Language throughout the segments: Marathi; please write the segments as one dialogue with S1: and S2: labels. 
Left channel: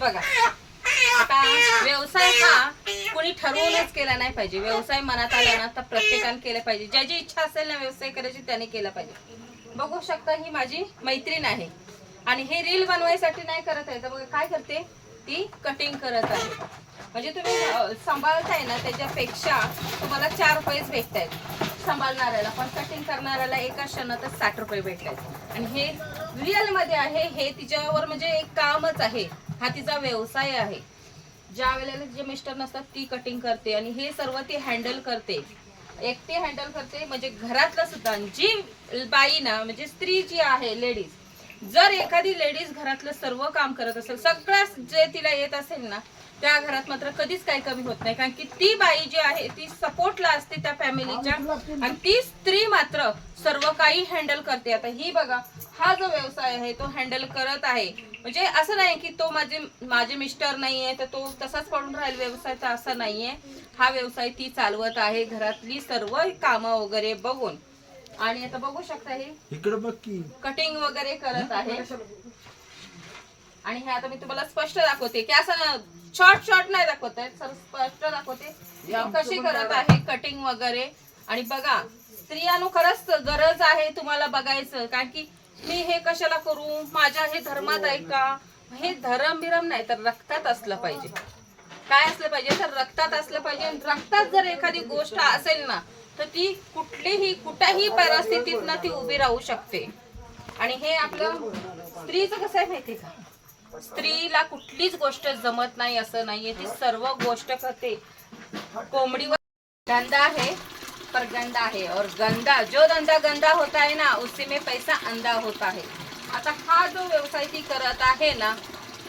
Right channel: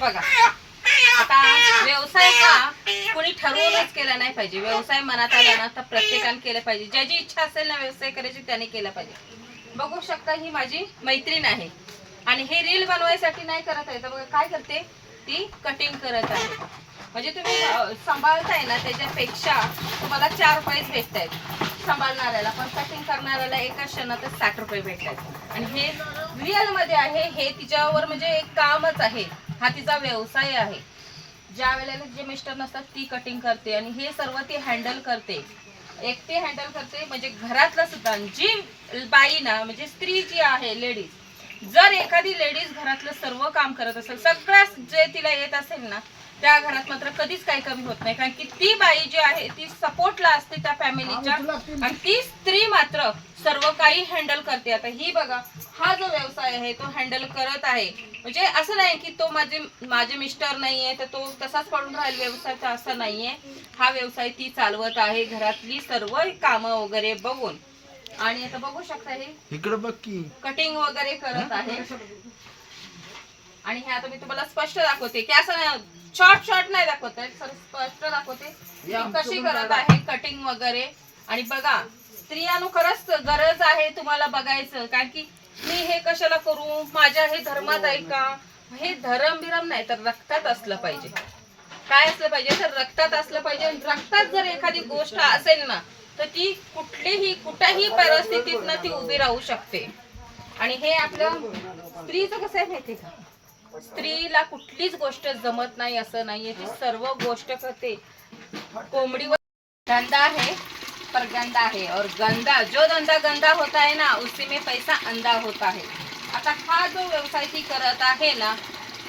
S1: बघा. आता व्यवसाय हा कोणी ठरवूनच केला नाही पाहिजे. व्यवसाय मनात आला ना तर प्रत्येकाने केला पाहिजे. ज्याची इच्छा असेल ना व्यवसाय करायची त्याने केला पाहिजे. बघू शकता ही माझी मैत्रीण आहे. आणि हे रील बनवायसाठी नाही करत आहे. तर बघा काय करते? ती कटिंग करत आहे. म्हणजे तुम्ही सांभाळताय ना त्याच्यापेक्षा तुम्हाला चार रुपयेच भेटत आहेत सांभाळणाऱ्याला. पण कटिंग करणाऱ्याला एका क्षणातच साठ रुपये भेटतात आणि हे रिअलमध्ये आहे. हे तिच्यावर म्हणजे एक कामच आहे. हा तिचा व्यवसाय आहे. ज्या वेळेला जे मिस्टर नसतात ती कटिंग करते आणि हे सर्व ती हँडल करते. एकटी हँडल करते म्हणजे घरातलं सुद्धा. जी बाई ना म्हणजे स्त्री जी आहे लेडीज जर एखादी लेडीज घरातलं सर्व काम करत असेल सगळ्याच जे तिला येत असेल ना त्या घरात मात्र कधीच काही कमी होत नाही. कारण की ती बाई जी आहे ती सपोर्टला असते त्या फॅमिलीच्या. आणि ती स्त्री मात्र सर्व काही हँडल करते. आता ही बघा हा जो व्यवसाय आहे तो हँडल करत आहे. म्हणजे असं नाही की तो माझे माझे मिस्टर नाहीये तर तो तसाच पडून राहील व्यवसाय तर असं नाहीये. हा व्यवसाय ती चालवत आहे घरातली सर्व कामं वगैरे बघून. आणि आता बघू शकता हे
S2: इकडे बघ की.
S1: कटिंग वगैरे करत आहे. आणि हे आता मी तुम्हाला स्पष्ट दाखवते. की असं शॉर्ट शॉर्ट नाही दाखवत आहे सर स्पष्ट दाखवते. कशी करत आहे कटिंग वगैरे. आणि बघा स्त्रियानो खरंच गरज आहे तुम्हाला बघायचं. कारण की मी हे कशाला करू? माझ्या हे धर्मात आहे का? हे धरम बिरम नाही तर रक्तात असलं पाहिजे. काय असलं पाहिजे? तर रक्तात असलं पाहिजे. रक्तात जर एखादी गोष्ट असेल ना तर ती कुठलीही कुठल्याही परिस्थितीत ना ती उभी राहू शकते. आणि हे आपलं स्त्रीचं कसं आहे माहिती का? स्त्रीला कुठलीच गोष्ट जमत नाही असं नाहीये. ती सर्व गोष्ट करते. कोंबडीवर गंदा आहे पर गंदा है और गंदा जो धंदा गंदा होता है ना उसी में पैसा अंदा होता है आता हा जो व्यवसाय ती करत आहे ना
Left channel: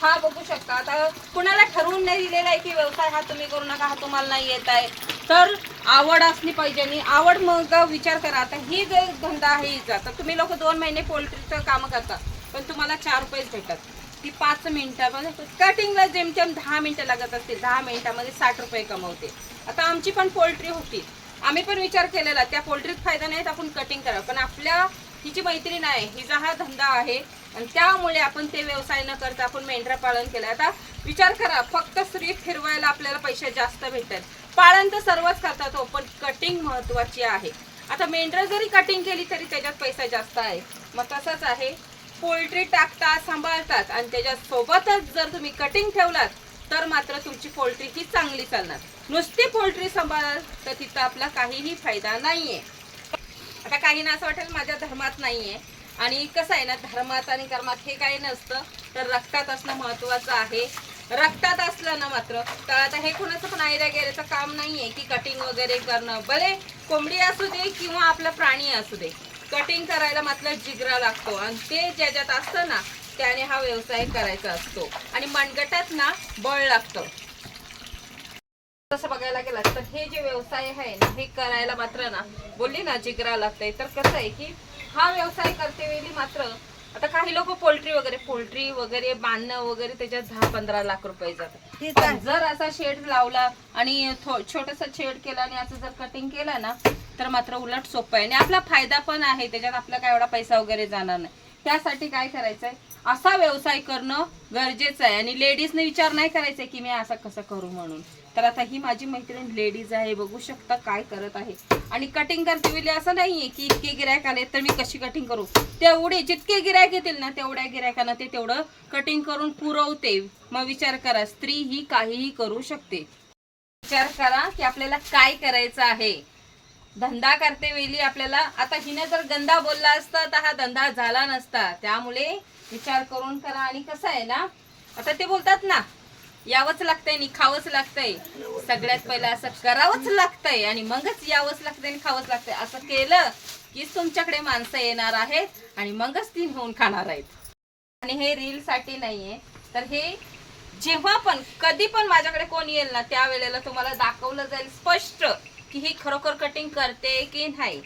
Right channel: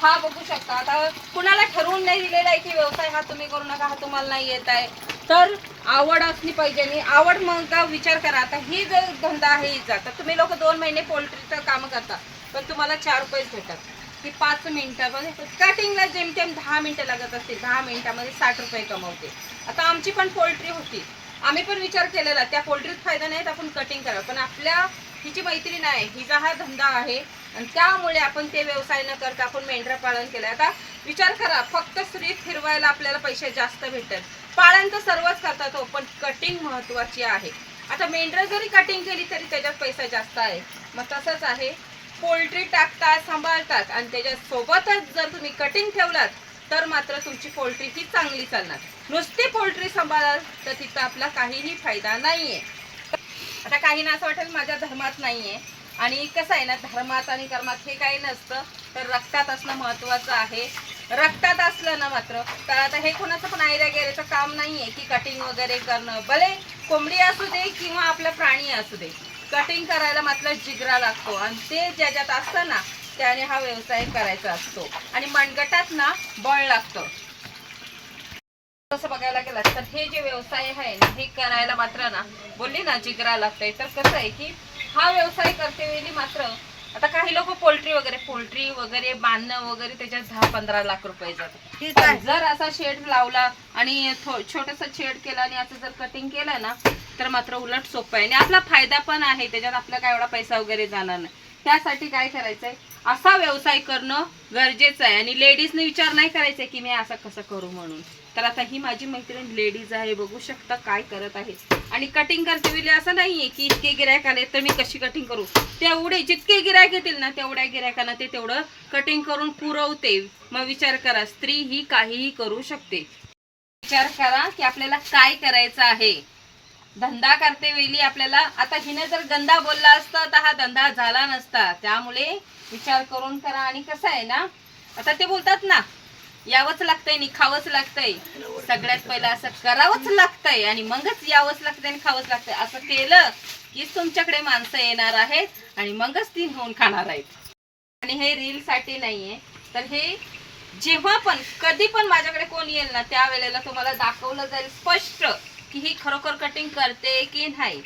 S1: हा बघू शकता. आता कुणाला ठरवून नाही दिलेला आहे की व्यवसाय हा तुम्ही करू नका हा तुम्हाला नाही येत आहे. तर आवड असली पाहिजे आणि आवड मग विचार करा. आता ही जर धंदा आहे हिचा तर तुम्ही लोक दोन महिने पोल्ट्रीचं काम करता पण तुम्हाला चार रुपयेच भेटतात. की पाच मिनिटामध्ये कटिंगला जेमतेम दहा मिनटं लागत असतील दहा मिनिटामध्ये साठ रुपये कमवते. आता आमची पण पोल्ट्री होती. आम्ही पण विचार केलेला त्या पोल्ट्रीत फायदा नाही तर आपण कटिंग करावं. पण आपल्या हिची मैत्रीण आहे हिचा हा धंदा आहे आणि त्यामुळे आपण ते व्यवसाय न करता आपण मेंढरा पालन केलं. आता विचार करा फक्त स्त्री फिरवायला आपल्याला पैसे जास्त भेटतात. पालन तर सर्वच करतात हो पण कटिंग महत्वाची आहे. आता मेंढरं जरी कटिंग केली तरी त्याच्यात पैसा जास्त आहे. मग तसंच आहे. पोल्ट्री टाकतात सांभाळतात आणि त्याच्यासोबतच जर तुम्ही कटिंग ठेवलात तर मात्र तुमची पोल्ट्री ती चांगली चालणार. नुसती पोल्ट्री सांभाळाल तर तिथं आपला काहीही फायदा नाही आहे आता काहींना असं वाटेल माझ्या धर्मात नाही आहे आणि कसं आहे ना धर्मात आणि कर्मात हे काही नसतं तर रक्तात असणं महत्वाचं आहे. रक्तात असलं ना मात्र तर आता हे कोणाचं पण आयरा गेल्याचं काम नाहीये की कटिंग वगैरे करणं. भले कोंबडी असू दे किंवा आपला प्राणी असू दे कटिंग करायला मात्र जिगरा लागतो. आणि ते ज्याच्यात असतं ना त्याने हा व्यवसाय करायचा असतो. आणि मनगटात ना बळ लागतं. तसं बघायला गेलं तर हे जे व्यवसाय आहे ना हे करायला मात्र ना बोलली ना जिगरा लागतंय. तर कसं आहे की हा व्यवसाय करते वेळी मात्र. आता काही लोक पोल्ट्री वगैरे पोल्ट्री वगैरे बांधणं वगैरे त्याच्यात दहा पंधरा लाख रुपये जातात जर असा शेड लावला आणि छोटस शेड केला आणि असं जर कटिंग केलं ना तर मात्र उलट सोपं आहे. आणि आपला फायदा पण आहे त्याच्यात आपला काय एवढा पैसा वगैरे जाणार नाही. त्यासाठी काय करायचंय? असा व्यवसाय करणं गरजेचं आहे. आणि लेडीजने विचार नाही करायचा की मी असं कसं करू म्हणून. तर आता ही माझी मैत्रीण लेडीज आहे बघू शकता काय करत आहे. आणि कटिंग करते वेळी असं नाहीये की इतके गिरायक आले तर मी कशी कटिंग करू? तेवढे जितके गिरायक येतील ना तेवढ्या गिरायकांना ते तेवढं कटिंग करून पुरवते. मग विचार करा स्त्री ही काहीही करू शकते. विचार करा की आपल्याला काय करायचं आहे. धंदा करते वेळी आपल्याला. आता हिने जर गंदा बोलला असता तर हा धंदा झाला नसता. त्यामुळे विचार करून करा. आणि कसं आहे ना आता ते बोलतात ना यावंच लागतंय आणि खावंच लागतंय. सगळ्यात पहिलं असं करावंच लागतंय आणि मगच यावंच लागतंय आणि खावंच लागतंय. असं केलं कीच तुमच्याकडे माणसं येणार आहेत आणि मगच ती होऊन खाणार आहेत. आणि हे रील साठी नाहीये. तर हे जेव्हा पण कधी पण माझ्याकडे कोण येईल ना त्या वेळेला तुम्हाला दाखवलं जाईल स्पष्ट की ही खरोखर कटिंग करते की नाही.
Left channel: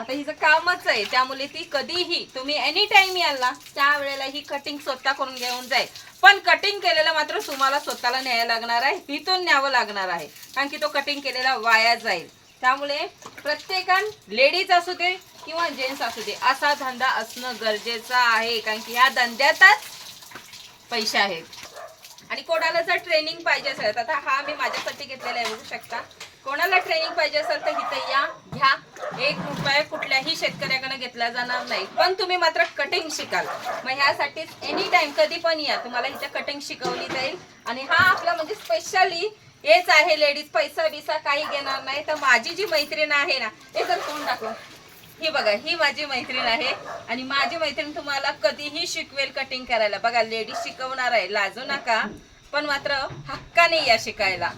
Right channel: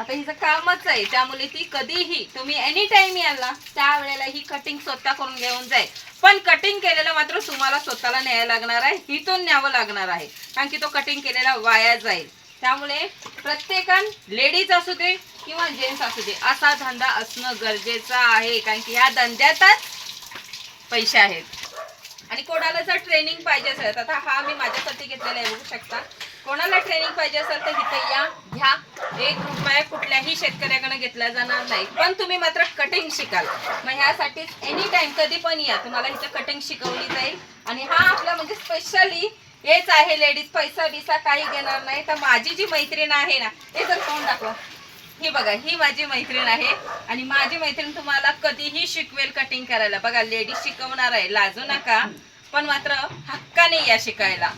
S1: आता हिचं कामच आहे. त्यामुळे ती कधीही तुम्ही एनी टाइम याल ना त्यावेळेला ही कटिंग स्वतः करून घेऊन जाईल. पण कटिंग केलेलं मात्र तुम्हाला स्वतःला न्यायला लागणार आहे. हिथून न्यावं लागणार आहे. कारण की तो कटिंग केलेला वाया जाईल. त्यामुळे प्रत्येकान लेडीज असू दे किंवा जेंट्स असू दे असा धंदा असणं गरजेचं आहे. कारण की ह्या धंद्यातच पैसे आहेत. आणि आणि कोणाला जर ट्रेनिंग पाहिजे असेल तर आता हा मी माझ्यासाठी घेतलेला आहे बघू शकता. कोणाला ट्रेनिंग पाहिजे असेल तर इथं या घ्या. एक रुपया कुठल्याही शेतकऱ्याकडे घेतला जाणार नाही. पण तुम्ही मात्र कटिंग शिकाल. मग ह्यासाठीच एनी टाइम कधी पण या. तुम्हाला इथं कटिंग शिकवली जाईल. आणि हा आपला म्हणजे स्पेशली हेच आहे लेडीज पैसा बिसा काही घेणार नाही. तर माझी जी मैत्रीण आहे ना हे जर कोण दाखवा. ही बघा ही माझी मैत्रीण आहे. आणि माझी मैत्रीण तुम्हाला कधीही शिकवेल कटिंग करायला. बघा लेडीज शिकवणार आहे. लाजू नका. पण मात्र हक्काने या शिकायला.